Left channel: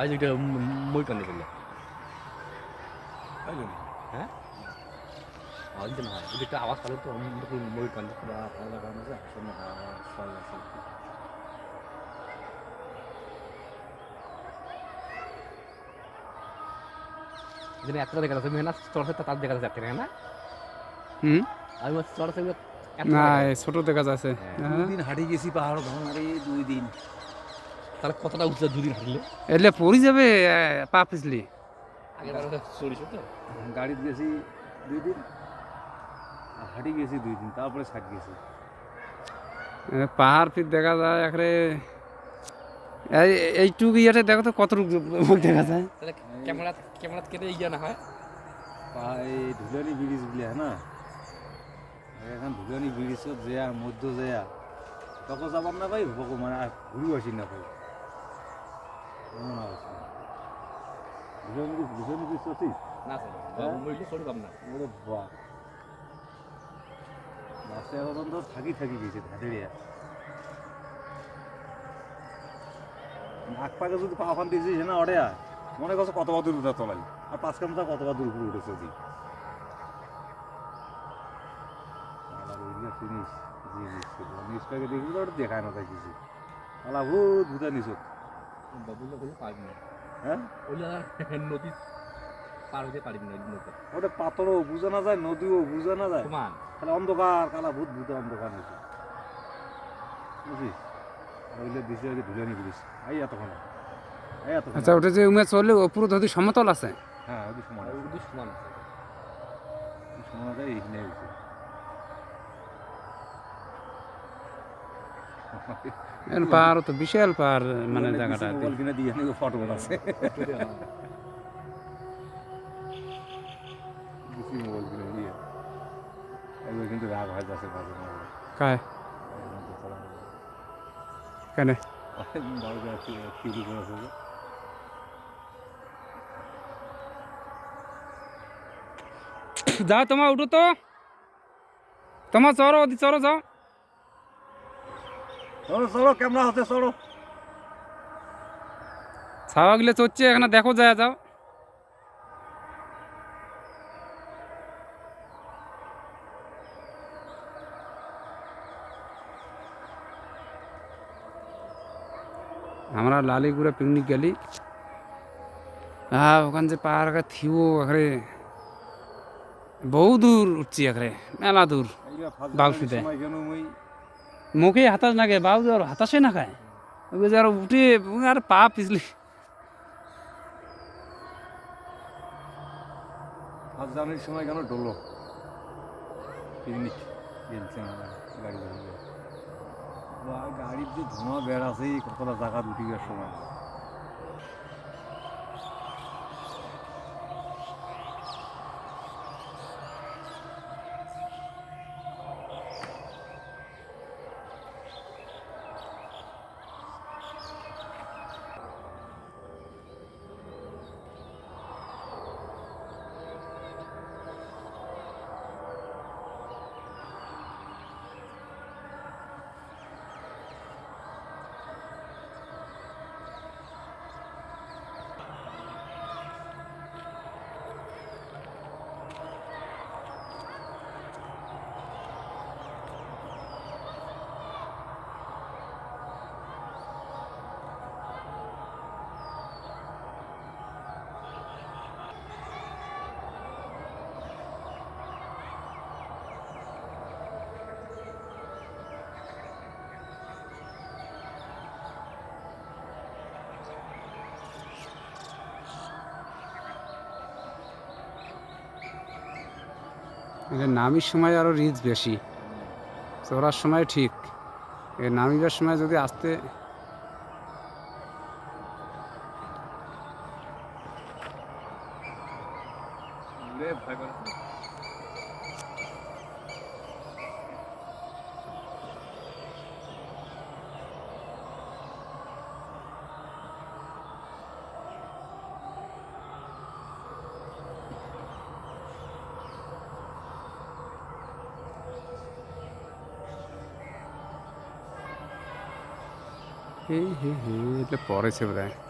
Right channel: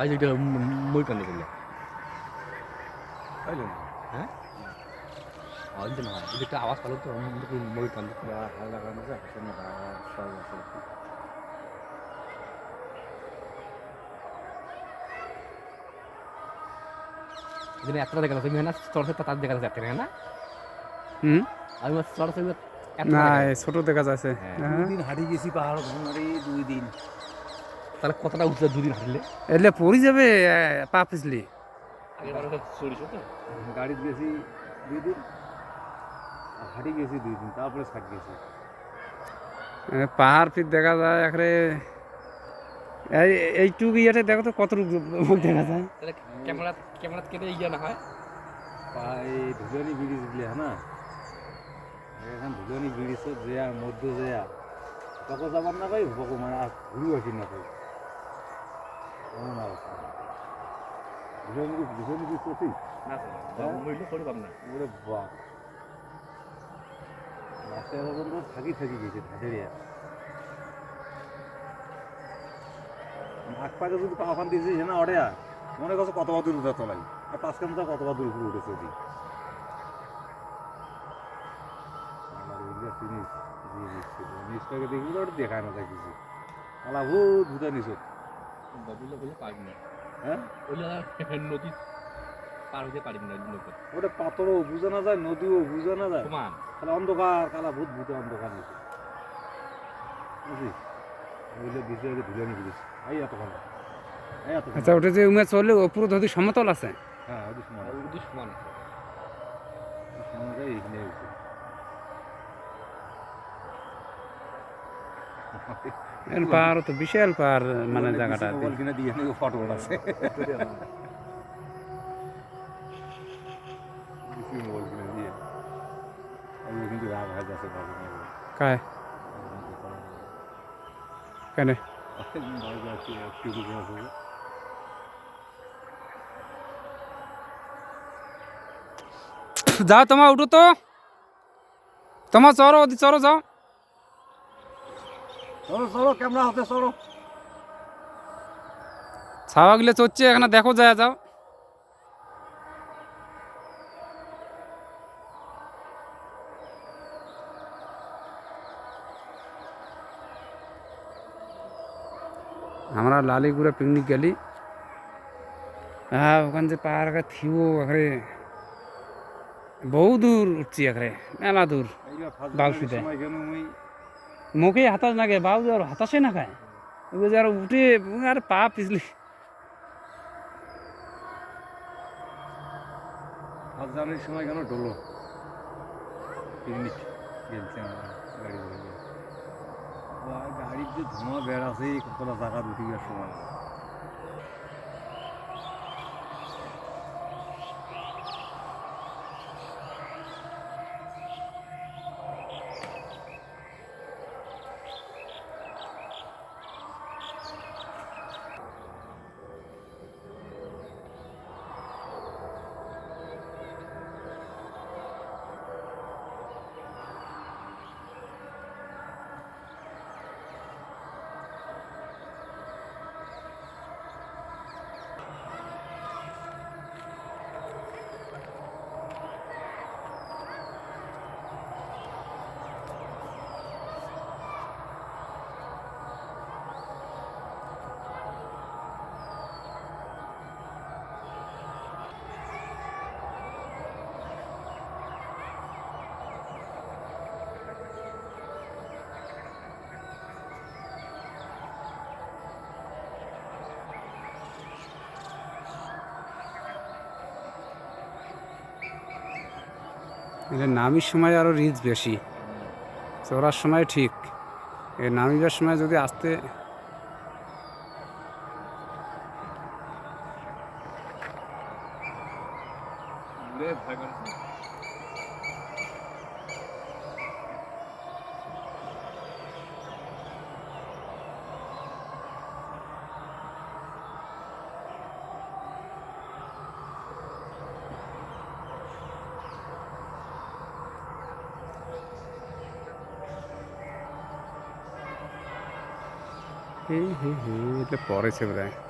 আজ এটা মই কান্দে জন্য হ্যাঁ দিন হয় এটা আওয়াজ পালো তো মই কান্দে আলাদা আবার সব আছে যেন এতটা দেখা যাচ্ছে তুমি না চড়ছে তার দেখা যাচ্ছে না হুম আমি চড়ছে না ছোট দেখা যাচ্ছে। দুই দিন হারিয়ে গেছি পাহাড় ভ্রমণে দুই দিন তাহলে কতটা উঠছে দুদিন হাঁটলে? এলে পড়ি যাবে এ, পা পিছলি চড়িস তো? গাড়িতে গেছি দুই দিন আর হাঁটি গেছি দুই দিন তারপরে ছাট গেছি। পাহাড় ফির দেখা যায় এই এইটুকু ইয়েতে দেখো তো কতটুকু দেখা যায়। ক্যামেরা ক্যামেরা কেটে ইয়া না হয়? এই ধুলানি ব্রিজ গুলি হ্যাঁ না এখন ধুলানি ব্রিজত যেয়া মধ্য যেয়া তখন যাবার না পাই ভগো মানে আর ঘুরু আসি না পাই এমন অবস্থা ব্রিজ তো ঠিক না ওরে বাপ থাকি থাকি গেছে পাকে যদি পাহাড় দিয়েছিস না মনে করছে কতবার দূর উঠা তোলাই আর পাঁচ কামটা কতবার দূর উপরে উঠেছে দিয়ে দিচ্ছে দেখবি ওটা দেখায় না তাই কিছু আলা ভূত ভূতা নিচত ববিলে বলে পারবি না। হ্যাঁ? ওইলা নদী পার হইতে পারবি না নৌকা ওটা পাথরও বুঝা না যায় নদীও বুঝা না যায়। সমান। তাহলে অন্ধকার কালা ভূত ভূত অন্ধকার ওইলে দিছে আগে ধুলে নিয়ে গেছিস এই এতক্ষণ আচ্ছা ওটা যে উমে চললে ওপরে ধরি সমতল আছে। হ্যাঁ ওই সমান সমান ওই সমান আছে এই নিয়ে গেছে এর পাহাড় তো বিশাল পাহাড় মানে জায়গাটা কিনে ফটো আছে। এই কিন্তু রাগ হয় যাচ্ছে বাজে মোবাইল কায় কেন ভাই যাচ্ছে একটু করে আছে যে। যাও তোমার উঠো তো তোমার চড়ো ওদি চড়ো যাও চলো চলো ক্যামেরা হাতে চলো। ছাওয়া গিলে চড়ছে এখানে দেখো যায় যাও। আমরা লালিগুড়ে পিকনিক গেলি। হ্যাঁ ওখান যে পাহাড় থিও এখানে বহু দূর উঠছি এখানে মেলা দূর এইটা মুখে হাতাশ না খায় বাবু আর হাতাশে না খায়। আর উঠে আর পা পিছলি। জার্নির সময় কেন ডলো পিকনিক গেলছে গাড়ি গাড়ির যে ধোঁয়া বেড়াছে কতটা জায়গা উঠে যাওয়ার সময়। এটা নামির সময় আরও রিচ বেশি। চড়ার সময় ঠিক। নামিবার সময় যদি আসতে એટલે પોરે છે બધા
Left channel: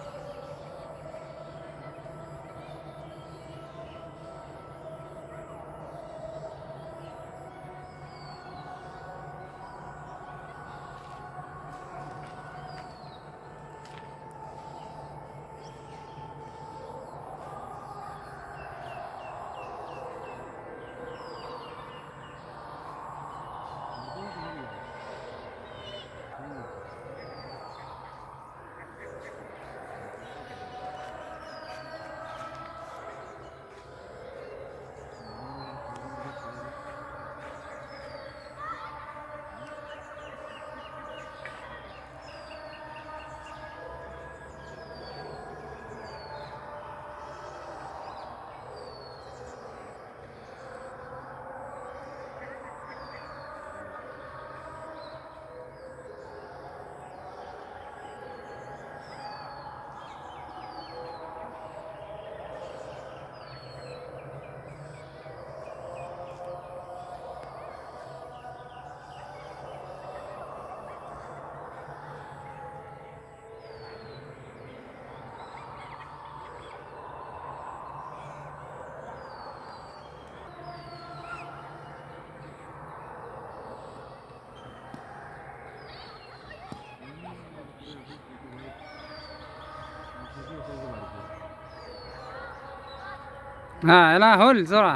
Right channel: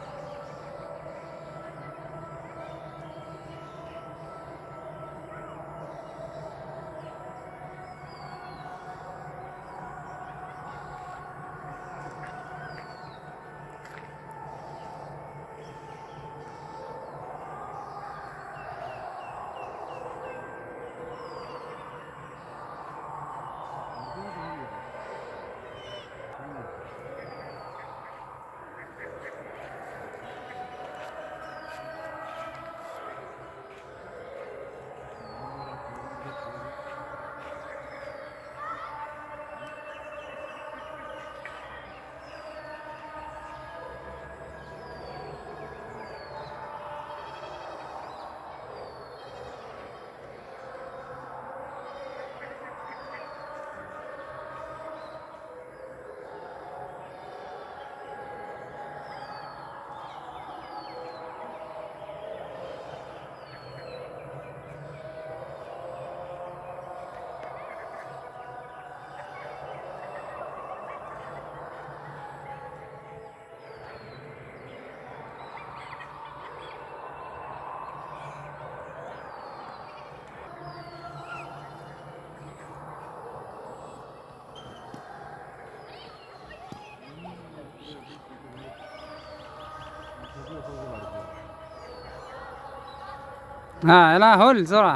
হয়, এলা হল চড়া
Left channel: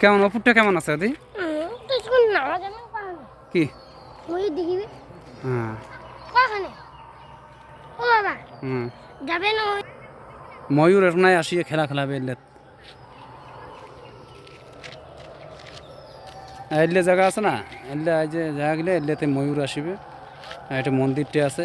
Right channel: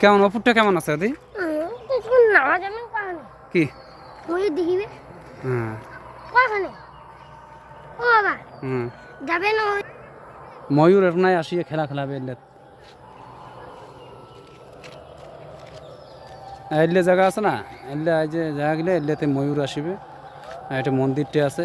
কেমন, অপুরটা কেমন আছে দি কি? হ্যাঁ? ময়ূর এখানে আসিয়ে খেলা খেলাবে এলে। এলে জায়গা আছে না? এলে এই যে জায়গা গেলে এলেতে ময়ূর আসিবে। এটা মন্দিরটা আছে।